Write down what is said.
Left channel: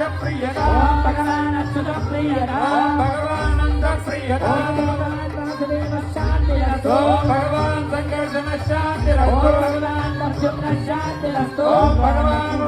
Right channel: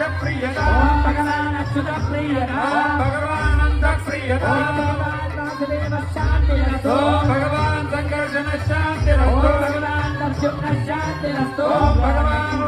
प्रियदा भगवान अच्युत प्रियदा भगवानंद प्रियदा भगवान शांतिरस्तु भगवान संकर्षण शांतिरस्तु भगवान दक्षिण शांतिरस्तु भगवान